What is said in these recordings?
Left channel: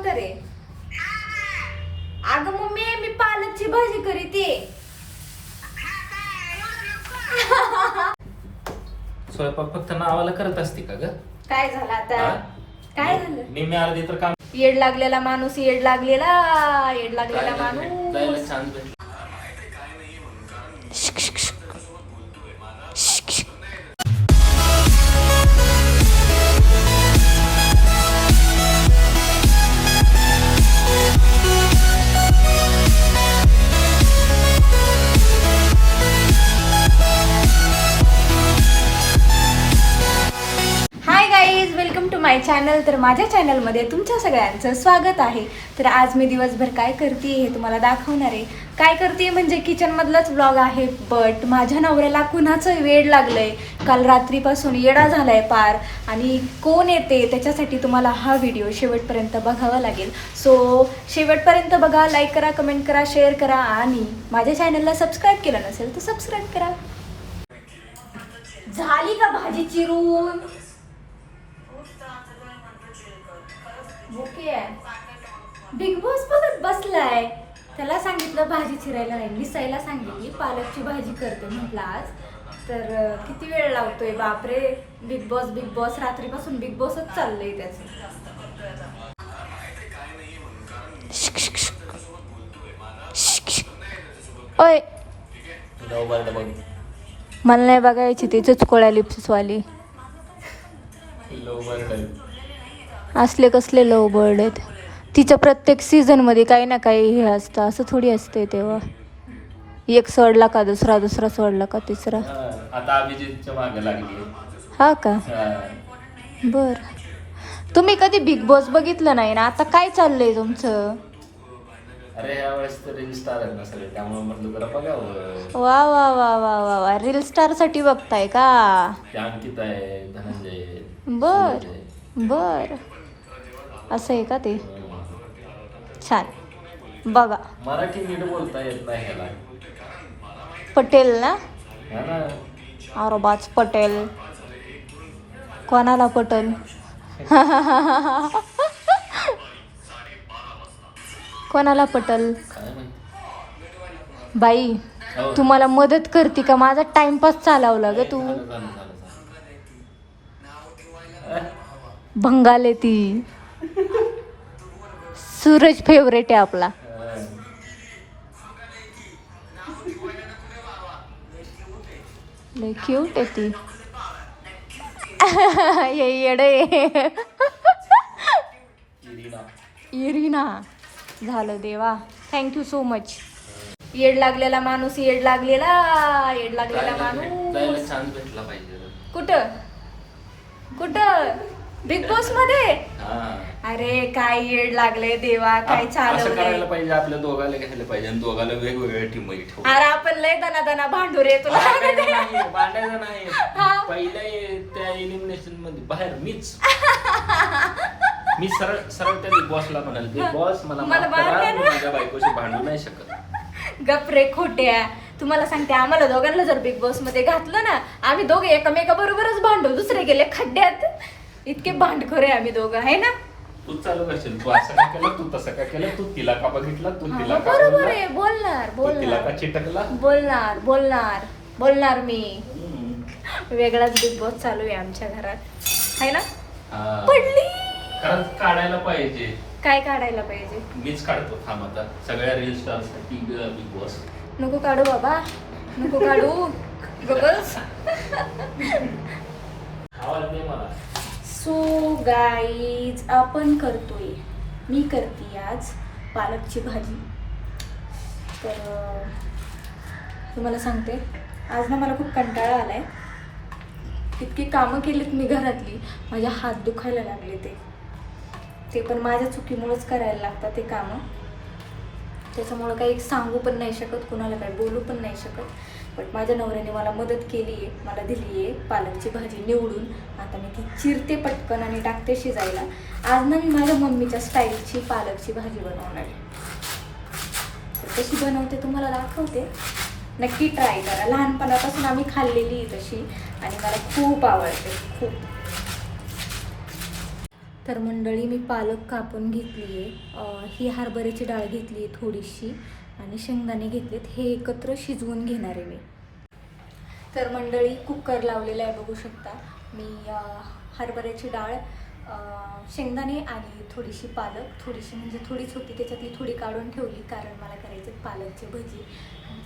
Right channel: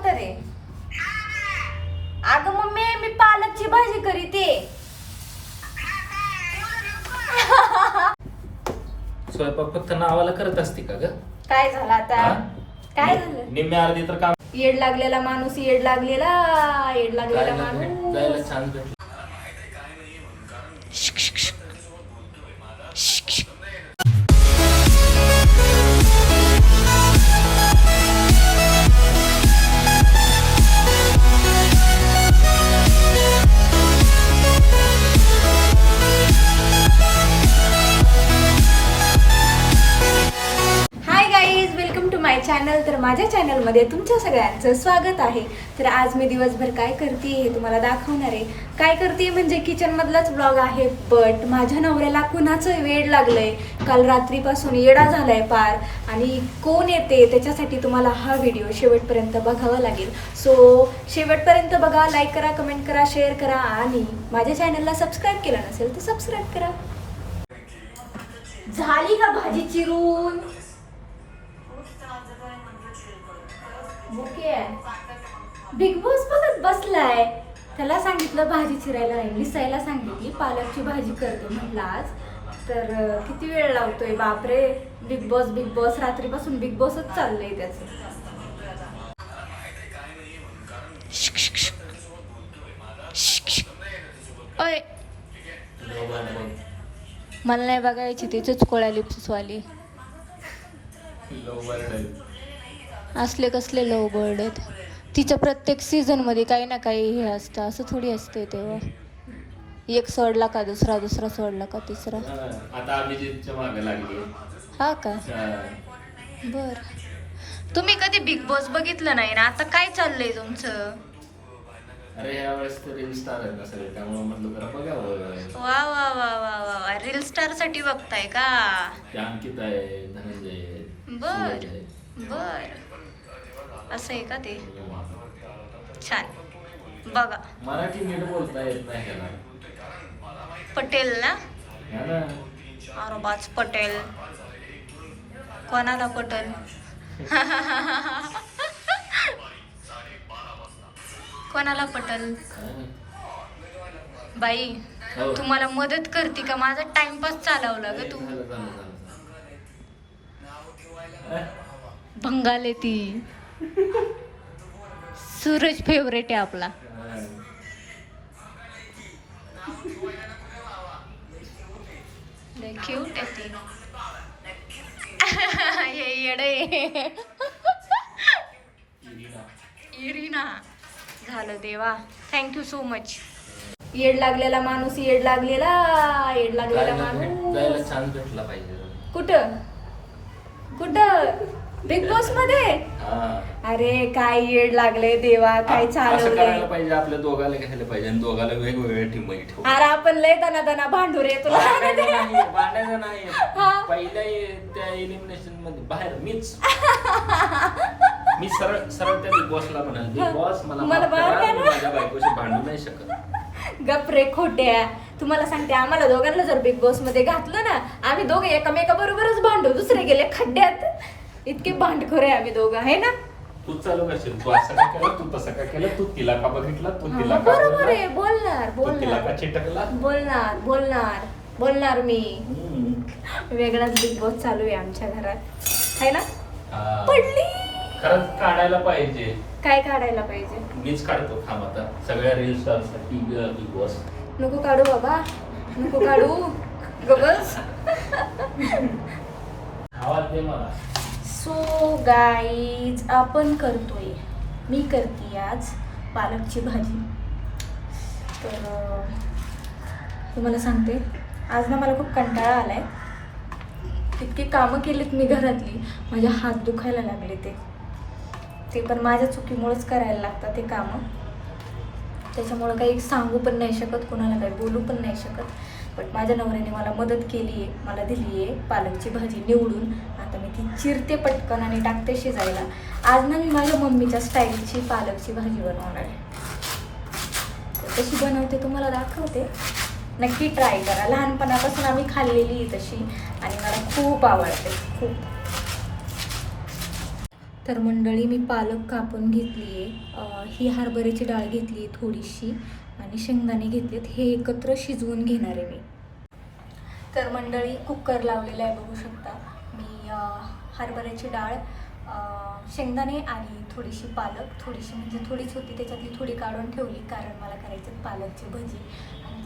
म्हातारे अगं मम्मी मी पालकची भाजी करीते. स्वयंपाक फक्त नावाला करत असते का ग? काय झालं आता? काय झालं? निम्म्या अर्धी तर काम येड लागलेला माणूस येड लागलेला येड लागलेला जायला माणूस. जायला चान्स भेटला. हाय चॅनल तर माझ्या चॅनलमध्ये तुमच्या सगळ्यांचं स्वागत आहे. तर आज मी दिवसभर काय करते हे तुम्हाला दाखवणार आहे. काय करते म्हणजे किचनमधलाच ब्लॉग आहे बट माझ्या नवऱ्याला कुणाचं वेड लागलंय. काल रात्रीपासून येडा झालाय पार आणि कोण येते त्याच्यासाठी तुम्हाला हा व्हिडिओ शेवटपर्यंत बघावा लागेल. सो शेवटपर्यंत बघा लाईक करा कमेंट करा शेअर करा आणि माझ्या चॅनलला सबस्क्राईब केलं नसेल तर सबस्क्राईब करा. झाली का भाजी चिरून? बुके बिग बॉस बघत बसलाय. त्याला सांगितलं भाजी चिरायला नाही. लिसायला सांगितली पालकची भाजी करते म्हटलं आज. तर किती वेळ लावतोय? बापरे. बिग बॉस बिग बॉस रात्रीपासून बिग बॉसच चाललंय त्याचं. ओय. बघ मला नाही बघायची ती चुचकोळ्या लिप्सवाली असले कसले लव बर्ड आहेत. तिचं प्रत्येक सीझनमध्ये काही ना काही हे असतं असं थोडी असते तेव्हा. एक सोडला का दुसरा दुसरा सोडला का तिसरा. आता अभिजितच्या मागे लागली. हा का. बर. तुम्ही कधी बिग बॉस बघितलं नाही ना? आता काय चाललंय तुमचं? अरे ह्या वेळेस तर रील स्टार आहेत ना सगळे. त्यामुळे म्हटलं जरा बघावं. वा वा वा वा वा वा. रील स्टारसाठी बघताय का? ते अंकित आहे धनंजय आहे, बर सूरज आहे. बर. असं आहे का ते. छान. बघा. मराठी नीट बोलता येत नाही ह्याला पटेल ना? हा ना. औरबाज पटेल. कोणाला पटेल? कोणाला पटेल? काय माहीत. बाई हो. तुम्हाला मदत करते का? माझा टाइमपास चालवला ग तू. झालं, झालं, झालं, झालं. भंगाले ती. सूरज फेवरेट आहे आपला. क्यूट आहे ती. ये येडे. इरिना. झालं देवा. थँक्यू सो मच येड लागलेला माणूस येड लागलेला येड लागलेला माणूस. कुठं? कुठं? बिग बॉसमध्ये? हा. अरे काय येड लागले देवा काय असं करायला चालवलंय पाहिजे आपल्या दोघाला घ्यायला पाहिजे आणि दोघाला वेगवेगळ्या टीममध्ये ठेवू अरे आपण लय दना दना भांडू रे तुला भांडायचं नाही भांडायचं नाही हा. पहिल्या त्या एलिमिनेशनमध्ये बाहेर मीच. मी सरळ सरळ त्या बिग बॉसला म्हणाल बिग बॉस मला मला माफ करा, बाहेर मी काढा." माझ्या बायकोशी भांडू नाही शकत. गप रे खोट्या. तुम्हाला सांगते आम्हाला दोघांना जर बिग बॉसमध्ये घातलं ना आम्ही दोघे एकमेका बरोबरच भांडू दुसरे गेले खड्ड्यात. इतके भांडखोर आहे आम्ही दोघं आहे ना? तू चालू करशील. तू असं का केलं तू तसं का केलं? तू तिला का बघितलं तू हा, तिला मग का बरोबर बोलला? आहे बोलणार तू तिला का बोलणार चिटकला? बोलणार बोलणार बोलणार मी. हम्म. वेगळाच बिग बॉस चालू आहे आमच्या घरात. आहे ना? हा. पडली. खरंच काढायला पाहिजे. काय काढायला पाहिजे? मीच काढतो थांब आता. सगळ्या रील बिग बॉस. नको काढू बाबा. नको काढू. गबस. आवाज दे मला. सो गाईज आपण करतोय. मी करते आज पालकची भाजी. तर तुम्हाला सांगते. आज ना मला खूप कंटाळा आला आहे इतकी कामं केलीत मी घरातली. माझ्या हात दुखायला लागले ते. ते पण माझ्या चुकीमुळेच करायला लागतात ते कामं. त्याच्यामुळं काही सांगू पण नाही शकत कोणाला काही बोलू पण नाही शकत. बट माझ्या नवऱ्याने मला मदत केली आहे मला दिली आहे पालकची भाजी निवडून. आता मी ती चिरते पटकन आणि टाकते शिजायला. आज ना मी माझ्या मम्मीच्या स्टाईलची पालकची भाजी बनवणार आहे. तर कशी बनवते तुम्हाला दाखवते. नक्की ट्राय करा. लहानपणापासून आम्ही खाल्लेली तशी आणि मला खूप आवडते खूप. तर मंडळी मी पालक कापून घेतली आहे ही हरभऱ्याची डाळ घेतली आहे थोडीशी आणि शेंगदाणे घेतलेत. हे एकत्र शिजवून घेणार आहे मी. तर मंडळी कुकर लावलेला आहे बघू शकता. मी हरभऱ्याची डाळ शेंगदाणे आणि थोडीशी पालक. थोडीशी म्हणजे थोडीच होती त्याच्यातली थोडी काढून ठेवली. कारण मला करायचे पालकची भजी.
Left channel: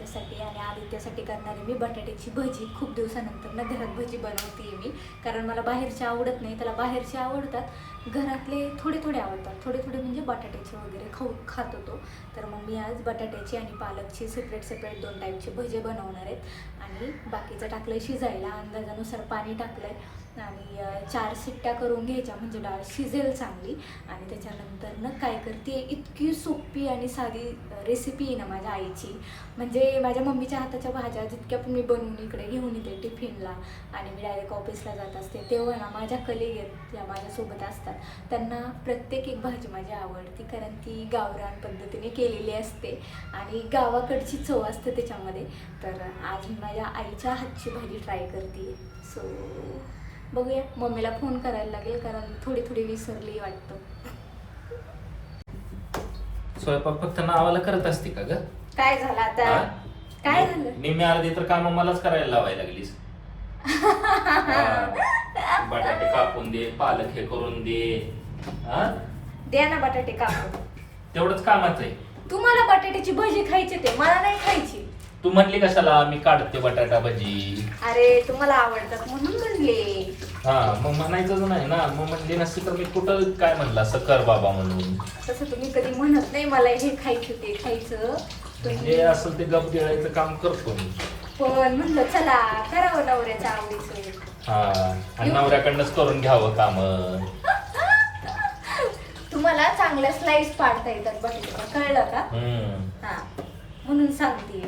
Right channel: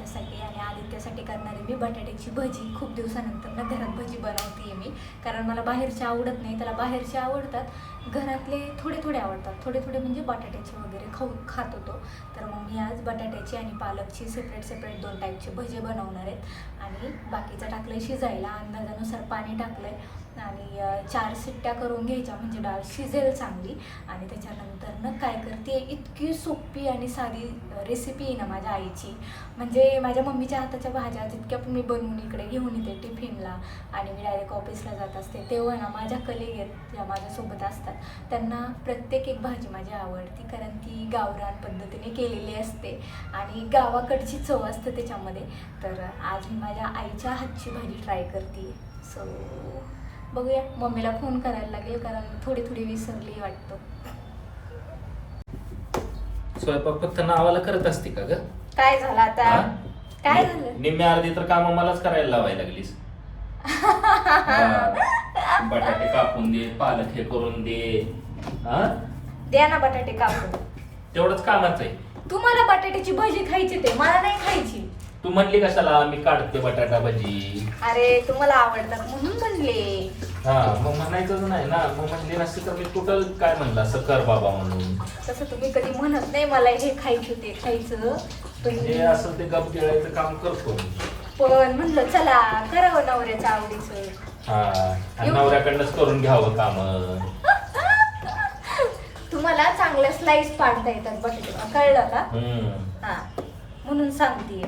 आणि आणि आदित्यासाठी करणारे मी बटाट्याची भजी. खूप दिवसानंतर ना घरात भजी बनवते मी. कारण मला बाहेरचे आवडत नाही त्याला बाहेरचे आवडतात. घरातले थोडे थोडे आवडतात. थोडे थोडे म्हणजे बटाट्याचे वगैरे खाऊ खात होतो. तर मग मी आज बटाट्याची आणि पालकची सेपरेट सेपरेट दोन टाईपचे भजे बनवणार आहेत. आणि बाकीचं टाकलं आहे शिजायला. अंदाजानुसार पाणी टाकलं आहे आणि चार सिट्ट्या करून घ्यायच्या म्हणजे डाळ शिजेल चांगली. आणि त्याच्यानंतर ना काय करते इतकी सोपी आणि साधी रेसिपी आहे ना माझ्या आईची. म्हणजे माझ्या मम्मीच्या हाताच्या भाज्या जितक्या पण मी बनवून इकडे घेऊन येते टिफिनला आणि मी डायरेक्ट ऑफिसला जात असते तेव्हा ना माझ्या कलिग आहेत ज्या माझ्यासोबत असतात. त्यांना प्रत्येक एक भाजी माझी आवडती कारण ती गावरान पद्धतीने केलेली असते आणि गावाकडची चव असते त्याच्यामध्ये. तर आज मी माझ्या आईच्या हातची भाजी ट्राय करते सो बघूया. मम्मीला फोन करायला लागेल कारण थोडी थोडी विसरली वाटतं. स्वयंपाक फक्त नावाला करत असते का ग? काय झालं आता? काय झालं? निम्मे अर्धी तर काम मलाच करायला लावायला लागलीस. बटाटे कापून दे पालक हे करून दे. हा? द्या ना बटाटे कापून. तेवढंच कामाचं आहे. तुम्हाला बटाट्याची भजी खायची ते मला नाही खायची. तू म्हणली कशाला मी काढते बटाटा भजी. अरे तुम्हाला आवडतात म्हणून म्हणले. हा मग म्हणायचंच नाही ना. मग म्हणली नसती तर मी कुठं काय म्हणलं? असं कर बाबा म्हणून. तसं तुम्ही कधी म्हणत नाही मला हे खायचं ते खायचं. पण जे असं ते गप गिळायचं काम करतो मी. पण म्हणलं चला करावं नवऱ्याचं आवडीचं. हा आणि नवऱ्याकडनंच करून घ्यावं काम. तुम्हाला चांगल्या स्लाइस पाडता येतात बटाट्याच्या कळलं का? हा म्हणून सांगते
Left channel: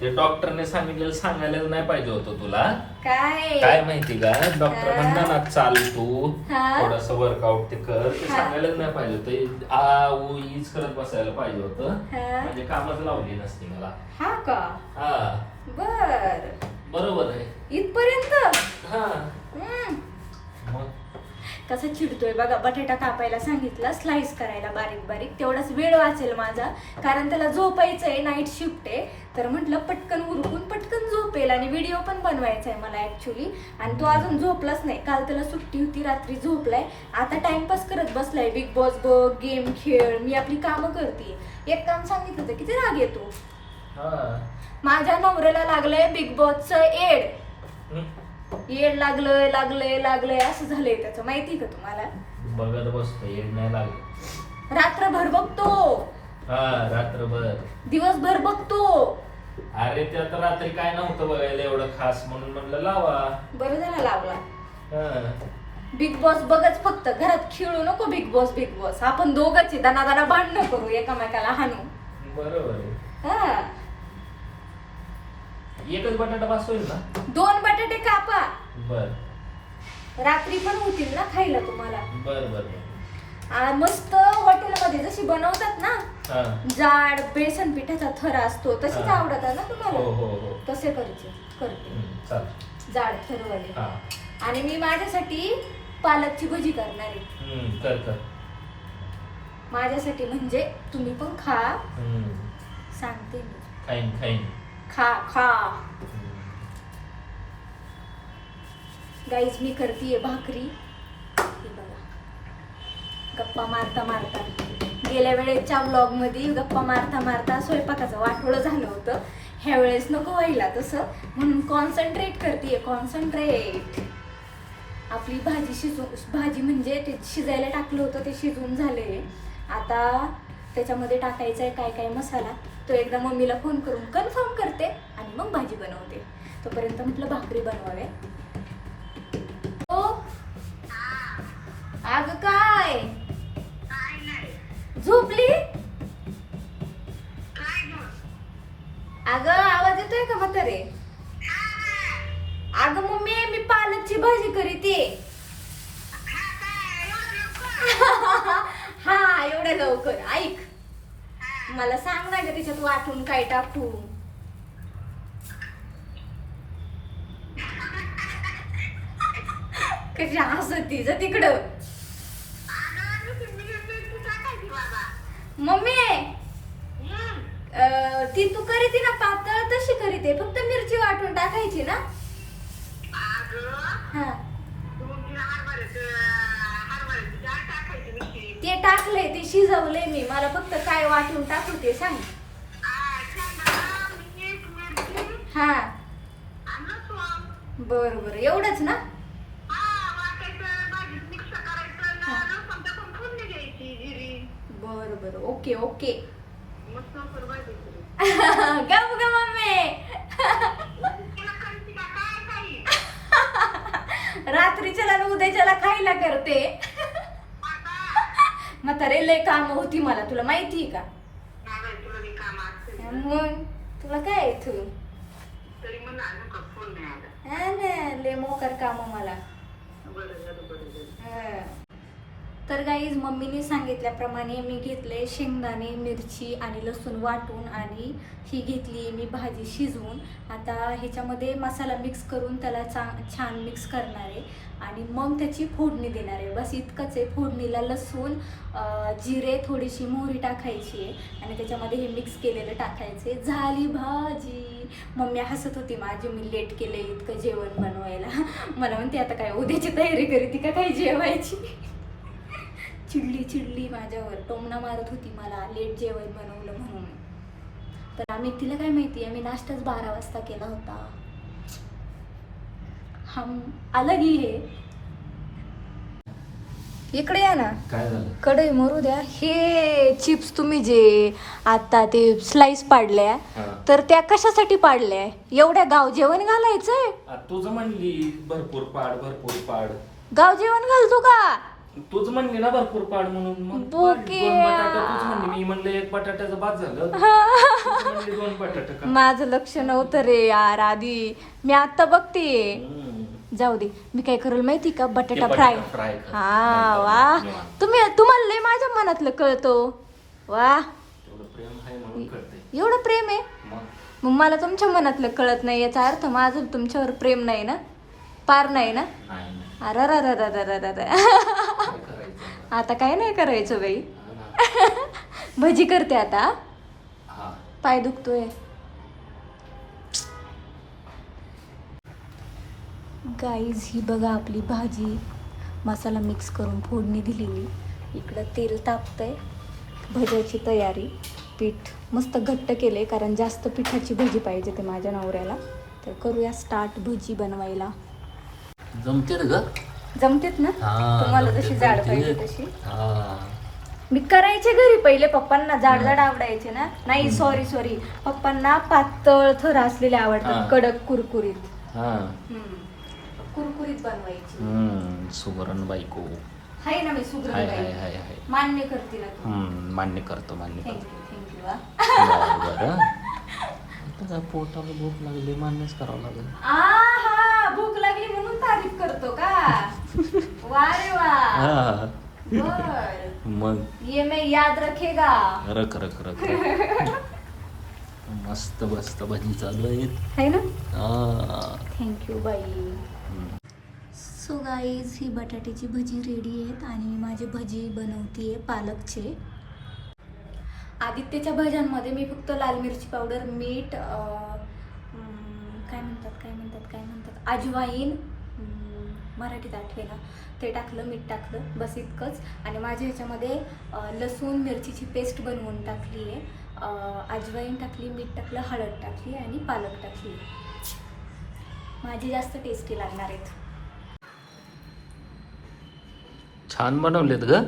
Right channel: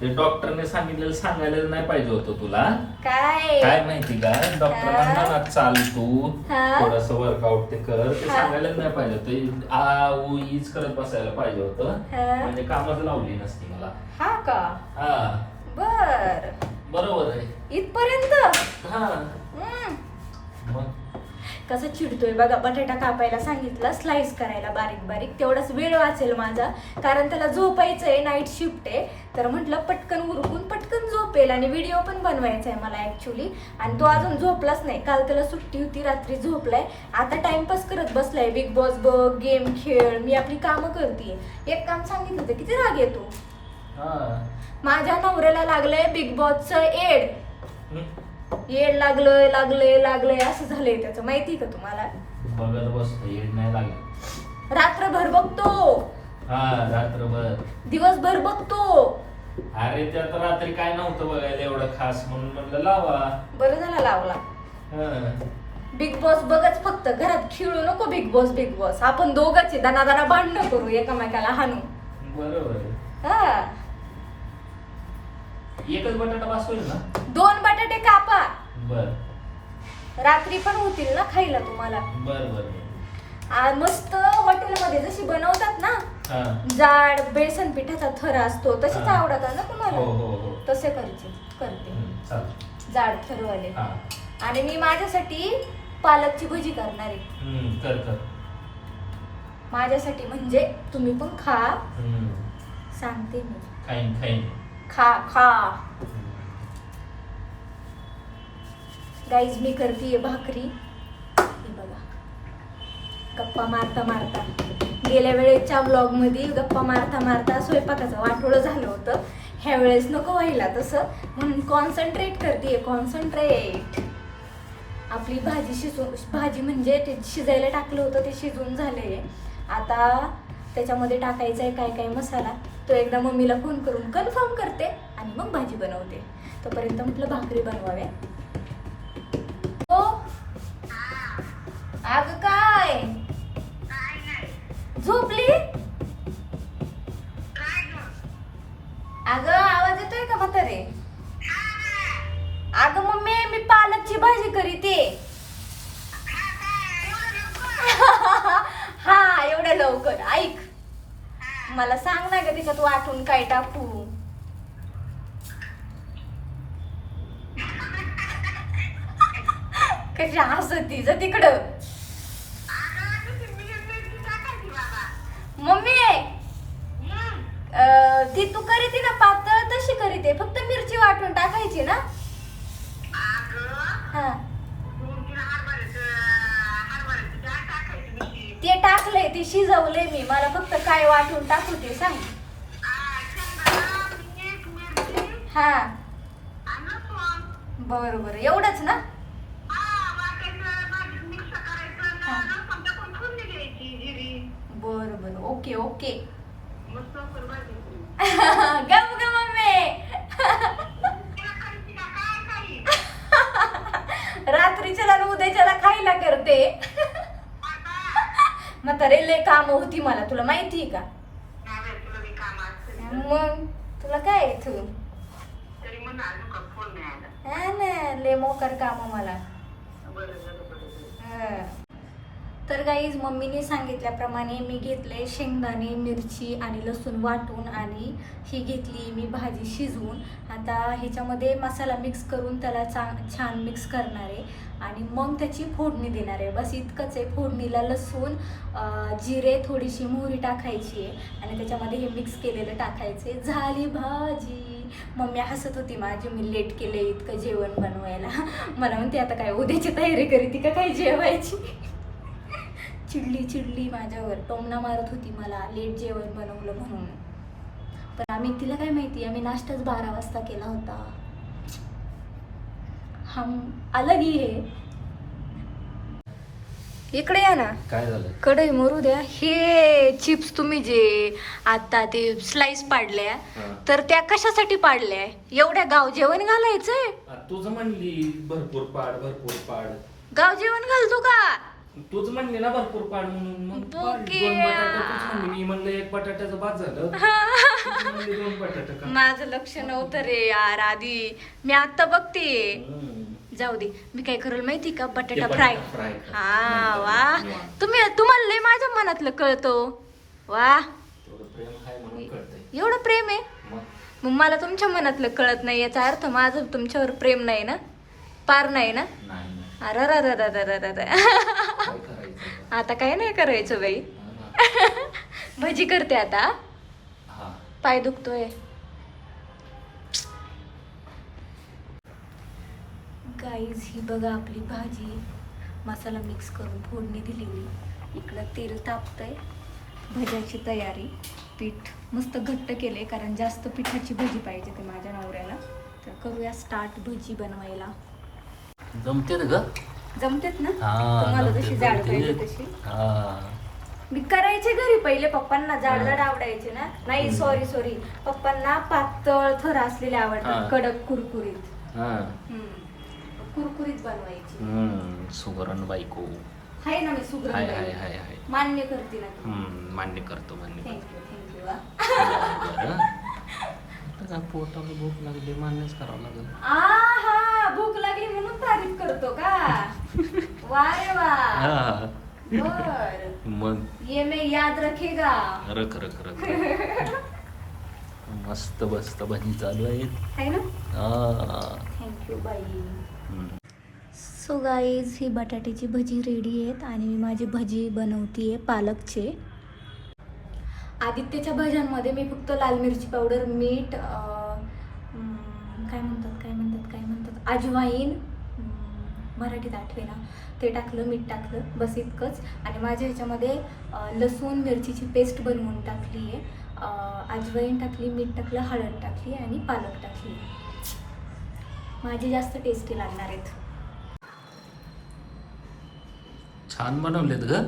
ते डॉक्टरने सांगितलेलं सांगायला नाही पाहिजे होतं तुला. काय? काय माहिती का? डॉक्टर हा? हा? चाल तू. हा? थोडस वर्कआउट ते कर. ते? सांगायलाच नाही पाहिजे होतं. आ उ ईच करत बसायला पाहिजे होतं. हा? म्हणजे कामच लावली नसती मला. हा का? हा. बर. बरोबर आहे. इथपर्यंत? हा. हम्म. मग? कसा चिडतोय बघा बटाटा कापायला सांगितलं स्लाइस करायला बारीक बारीक. तेवढाच वेळ वाचेल माझा कारण त्याला झोपायचंय नाईट शिफ्ट आहे. तर म्हटलं पटकन उरकून पटकन झोपेल आणि व्हिडिओ पण बनवायचा आहे मला ऍक्च्युली आणि तो अजून झोपलाच नाही. काल त्याला सुट्टी होती रात्री झोपलाय. आता टाइमपास करत बसलाय. बिग बॉस बघ गेम खेळ मी आपली कामं करते एक काम सांगितलं तर किती राग येतो? माझ्या नवऱ्याला लागलंय बिग बॉसचं एड. येड लागलंय लागलंय लागलंय असं झालंय त्याचं. माहिती का तुम्हाला? बघत बसतो येड नाही लागली रात्रभर बघतो. हा रात्रभर. दिवसभर बघतो. अरे त्यात रात्री काय नव्हतं बघायला एवढं खास म्हणून म्हणलं लावा. बरं झाला लावला. हा. बिग बॉस बघच फक्त. घरात खेळू नको बिग बॉस बिग बॉस आपण दोघच आहे. दाना भांडणं करू एकामेकाला हाणू. बरोबर आहे. हा. एकच बटाटा पास होईल ना? दोन बटाटे कापा. बर. रात्री पण होतील ना खायला तुम्हाला. बर बर आ, मस्त हॉटेलमध्ये जशी बनवतात ना हा. जाड बेसन पिठाचा थर असतो तसेच हा. आवडतात ना हो तुम्हाला? हो हो तसे करते करते. हम्म, चालेल. जाड थरवाले. हा. आणि मी माझ्यासाठी पालकची भजी करणार आहे. हम्म, कर कर. माझ्यासाठी म्हणजे तुम्ही पण खा. हम्म, सांगते मी. खाईन खाईन. खा खा. गाईज मी करतीये भाकरी. हे बघा. गप्पा मारता मारता. गेल्या वेळेच्या ब्लॉगमध्ये गप्पा मारता मारता स्वयंपाकाचं वाटोळं झालं होतं. ह्या वेळेस नको व्हायला तसं. म्हणून कॉन्सन्ट्रेट करते कॉन्सन्ट्रेट आपली भाजी शिजू भाजी म्हणजे ते शिजायला टाकलं होतं ते शिजून झाले आता त्याच्यामध्ये टाकायचा आहे काय काय मसाला तो एकदा मम्मीला फोन करून कन्फर्म करते आणि मग भाजी बनवते. तोपर्यंत म्हटलं भाकरी बनवावे हो? अगं काय? झोपली? अगं आवाज येतोय का म्हातारे? अगं मम्मी मी पालकची भाजी करीते. लवकर ऐक. मला सांग ना ग तू वाटून काय टाकू? कशी हसती तिकडं. मम्मी! ती तू करीती ना पातळ तशी करीते. फक्त मिरची वाटून टाकायची ना. हा. टाकलंय ते शिजवलंय मी. मला फक्त काय वाटून टाकू ते सांग. हा. बरं बरं एवढंच ना? बर बर ओके ओके. गप ग मम्मी रात्रीच्याला आणि उद्याच्याला खायला करते. म्हातारे लय काम होती मला तुला माहिती आहे का मग तुला काय तू हा ना लय मोकर काम मला. हा. तर गाईज मम्मीने सांगितल्याप्रमाणे मी घेतले शेंगदाणे मिरची आणि लसूण वाटून आणि ही घेतली मी भाजी शिजवून. आता ह्याच्यामध्ये मसाला मिक्स करून त्याला चांग छान मिक्स करणार आहे. आणि मग त्याची फोडणी देणार आहे. बस इतकंच आहे. फोडणीला लसूण जिरे थोडीशी मोहरी टाकायची आहे. आणि त्याच्यामध्ये हे मिक्स केलेलं टाकायचे झाली भाजी! मम्मी हसत होती माझी. मी लेट केले इतकं जेवण बनवायला. मला म्हणते आता काय उद्याची तयारी करीती का? काय जेवायची? चिडली चिडली माझ्यावर. टोमणा मारत होती मला. लेट जेवण बनवलं म्हणून. पण आम्ही तिला काय माहिती? आम्ही नाश्ताच बारा वाजता केला होता. हम अलग ही है. इकडे या ना. काय झालं? कढई मरू द्या. हे चिप्स तुम्ही जे आता ते स्लाइस पाडल्या. तर त्या कशासाठी पाडल्या? एवढ्या गाव जेवण घालायचंय? तुझं म्हणली भरपूर पाड भरपूर पाड. गाव जेवण घालतो का? तूच म्हणली ना भरपूर पाड म्हणून. मग बोके. दोन बटाटा तूच म्हणली. मी म्हणलं एक बटाट्याचं बाद झालं. तूच म्हणली दोन बटाटा का? माझं लक्ष नव्हतं रे यार आधी. मी आता बघते. हम्म. जाऊ दे. मी काय करेल माहिती का? बटाटा ते फ्राय. बटाटा fry कर. हा नंतर वा. निवांत. तुम्ही तुम्हाला लय माझ्या मनातलं कळतो वा. तेवढं प्रेम आहे म्हणून कळतंय. एवढं प्रेम आहे? मग? मग मला तुमच्या मनातलं कळत नाही याचा अर्थ माझं तुमच्यावर प्रेम नाही ना? पार नाही ना? नाही. अरे आता काय नाही करायचं बाई. हा. भजी करते आता. हा. पाय दुखतोय. गाईज ही बघा आपली भाजी. मसाला मिक्स करून फोडणी दिलेली. इकडं तेल तापतंय. भज्याची तयारी. पीठ मस्त घट्ट केले कारण जास्त पिठाची भजी पाहिजे ते माझ्या नवऱ्याला. तर करूया स्टार्ट भजी बनवायला. जमतेत ग. जमतेत ना? हा तुम्हाला पाहिजे जमतेत. तशी. हा. मी करायचे घरी पहिले पप्पांना जाड जाड. आवडायचे ना? नाही. सॉरी सॉरी पप्पांना पातळ थर असलेले हा. आवडतात कडक कुरकुरीत. हा. हम्म. कुरकुरीत बनवायची. हम्म सुवर्ण बायको. हाय ना मी सुग्र हाय हाय हाय हाय. मान्य करते ना तू हम्म मान्य करतो मान्य थँक्यू करतो. थँक्यू बरं, बरं आता काय पोटाला भूक लागली मान्यच करावं लागेल. हा भूक लागली म्हणून तारीफ करतो का? वा रे वा. हा. बर. मग? ये मैं याद रखेगा. रख रख रख. रख. मस्त बस्त भजी चालू आहेत है ना? हा. थँक्यू बाई. हम्म. सो गाईज ही बटाट्याची भजी रेडी आहेत आणि मी माझी भजी बनवतीये पालकचे. आदित्यच्या भज्यांमध्ये मी फक्त लाल मिरची पावडर मीठ अं, हम्म, काय म्हणतात काय म्हणतात काय म्हणतात? अजवाईन मराठीत आठवेना ते टाकलं मीठ टाकलं बस इतकंच. आणि माझ्या ह्याच्यामध्ये लसूण मिरचीची पेस्ट बनवून टाकली आहे. अजवाईन टाकली मीठ टाकलं हळद टाकली आणि पालक टाकली. माझी जास्त टेस्टी लागणार आहेत. छान बनवलेत ग.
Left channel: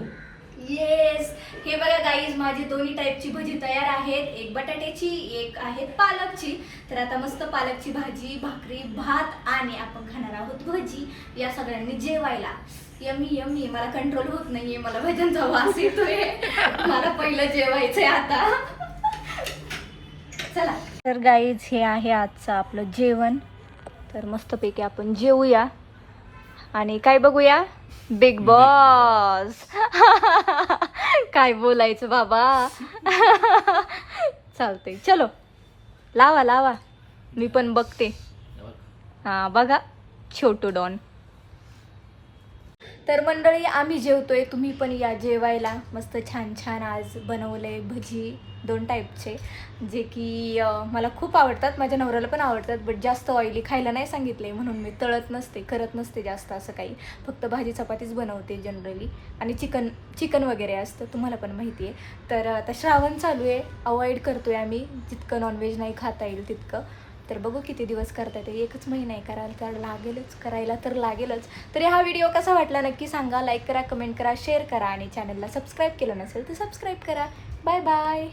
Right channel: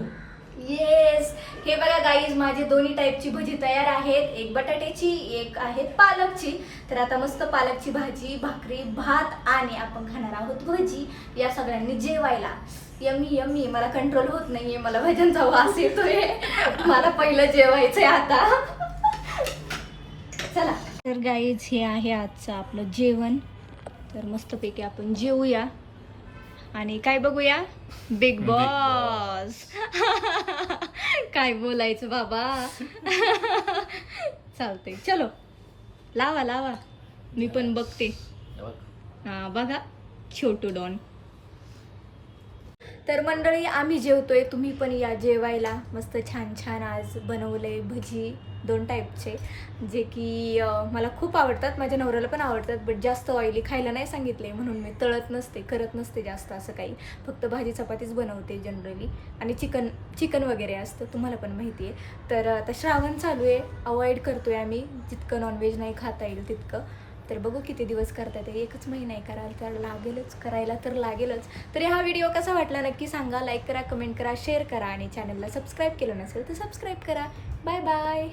येस हे बघा गाईज माझी दोन्ही टाईपची भजी तयार आहेत. एक बटाट्याची एक आहे पालकची. तर आता मस्त पालकची भाजी भाकरी भात आणि आपण खाणार आहोत भजी. या सगळ्यांनी जेवायला. यमी यमी मला कंट्रोल होत नाहीये. मला भज्यांचा वास येतोय. मला पहिलं जेवायचंय आता. चला. तर गाईज हे आहे आजचं आपलं जेवण. तर मस्तपैकी आपण जेवूया. आणि काय बघूया? बिग बॉस काय बोलायचं बाबा? चालतंय. चलो. लावा लावा. मी पण बघते. हे बघ. हा बघा छोटू डॉन. तर मंडळी आम्ही जेवतोय. तुम्ही पण या जेवायला. मस्त छान छान आज बनवले भजी. दोन टाईपचे जे की मला खूप आवडतात. माझ्या नवऱ्याला पण आवडतात बट जास्त ऑइली खायला नाही सांगितले म्हणून मी तळत नसते करत नसते जास्त असं काही. फक्त भाजी चपातीच बनवते जनरली आणि चिकन चिकन वगैरे असतं तुम्हाला पण माहिती आहे. तर आता श्रावण चालू आहे अवॉइड आहे आम्ही. जितकं नॉनव्हेज नाही खाता येईल तितकं. तर बघू किती दिवस करता येते. एकच महिना आहे करायला तर लागेलच करायला तर लागेलच. तर हा व्हिडिओ कसा वाटला नक्की सांगा. लाईक करा कमेंट करा शेअर करा आणि चॅनलला सबस्क्राईब केलं नसेल तर सबस्क्राईब करा. Bye bye